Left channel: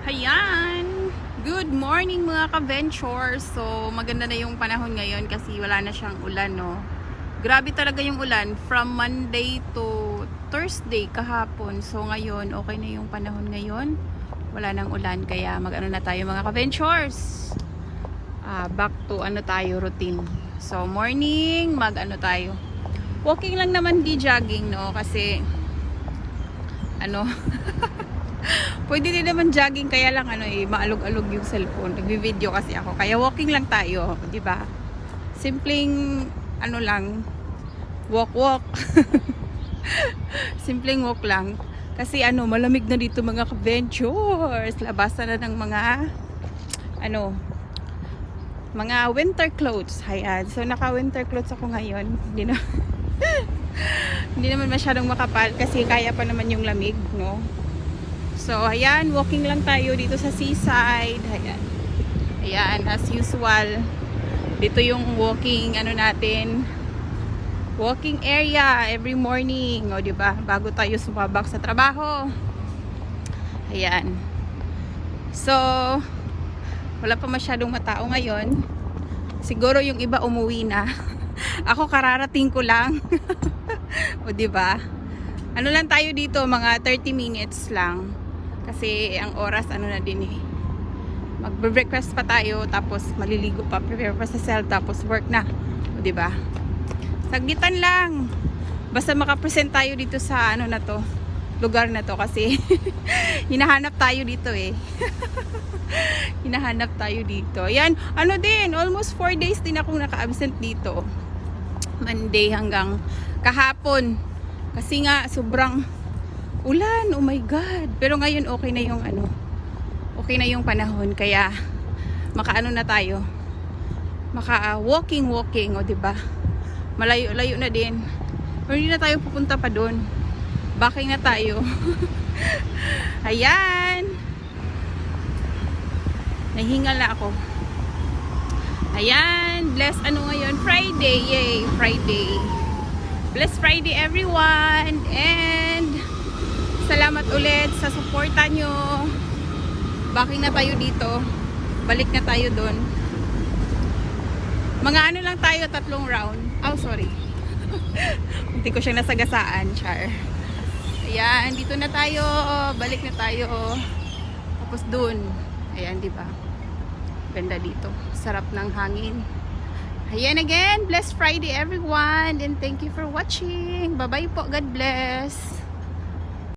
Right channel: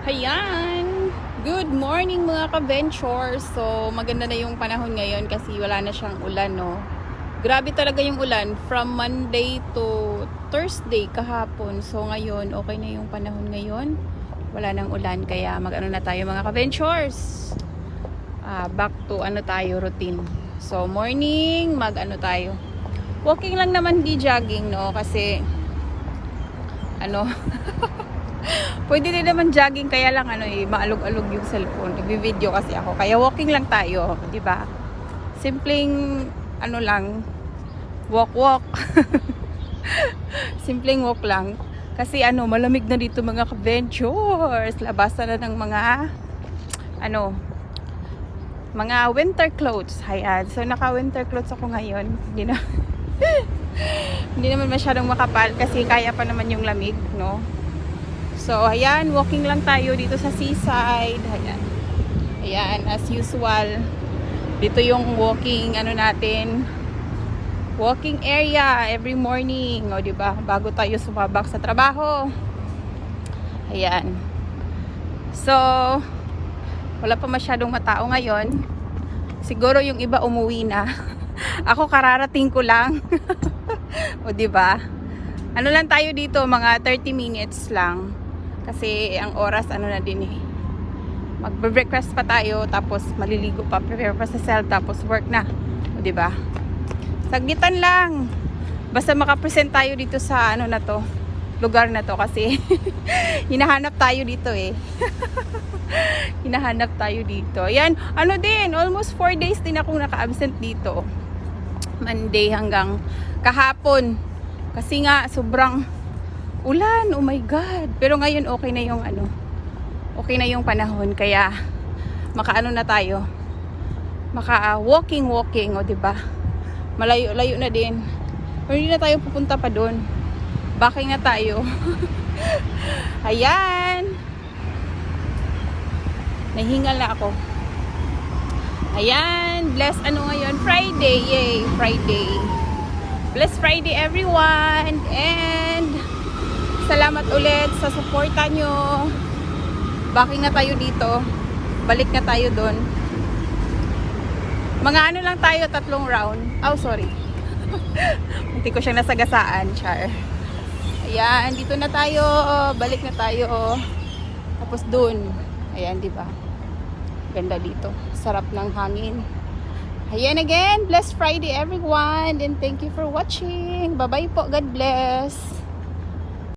Hayan! Good morning mga ka-ventures! So, maganda na yung panahon ngayon kasi wala na siyang ulan, no? Grabe talaga yung ulan from Monday to Thursday kahapon. So, ngayon, okay na yung panahon ngayon. Wala nang ulan, kaya mag-ano na tayo mga ka-ventures. Back to routine. So, morning, mag-ano tayo. Walking lang naman, di jogging, no? Kasi, pwede din naman jogging, kaya lang maalog-alog yung cellphone. Nagvi-video kasi ako. Kaya walking lang tayo, 'di ba? Simpleng lang, walk. Simpleng walk lang. Kasi malamig na dito mga ka-ventures. Labasan na ng mga winter clothes. Ayan. So naka-winter clothes ako ngayon. Hindi naman masyadong makapal kasi kaya pa naman yung lamig, no? So, ayan, walking lang tayo dito sa seaside. Ayan. Ayan, as usual. Dito yung walking, natin. Walking area every morning. O, diba? Bago tayo sumabak sa trabaho. Ayan. So, wala pa masyadong matao ngayon. Siguro yung iba umuwi na. Ako kararating ko lang. O, diba? Lang tayo dito, mga 30 minutes lang. Kasi ang oras na din magbe-breakfast pa tayo, tapos maliligo pa, prepare pa sa cell, tapos work na, 'di ba? Sagitan lang. Basta makapresent tayo dito sa lugar na to kasi hinahanap tayo dito hinahanap tayo dito. Yan, din, almost 4 days din akong naka-absent dito. Monday hanggang kahapon. Kasi nga sobrang ulan, oh my god. Pero ngayon okay na yung okay na yung panahon, kaya na tayo. Walking, o diba? Malayo-layo na din. Pero hindi na tayo pupunta pa doon. Bakit nga tayo? Ayan. Nahingal na ako. Ayan, bless ngayon? Friday, yay, Friday. Bless Friday everyone, and salamat ulit sa suporta nyo. Baki na tayo dito. Balik na tayo doon. Mga lang tayo, 3 round. Oh, sorry. Hindi ko siyang nasagasaan, char. Ayan, dito na tayo. Balik na tayo. Tapos doon. Ayan, di ba? Ganda dito. Sarap ng hangin. Ayan again. Blessed Friday everyone. And thank you for watching. Bye-bye po. God bless.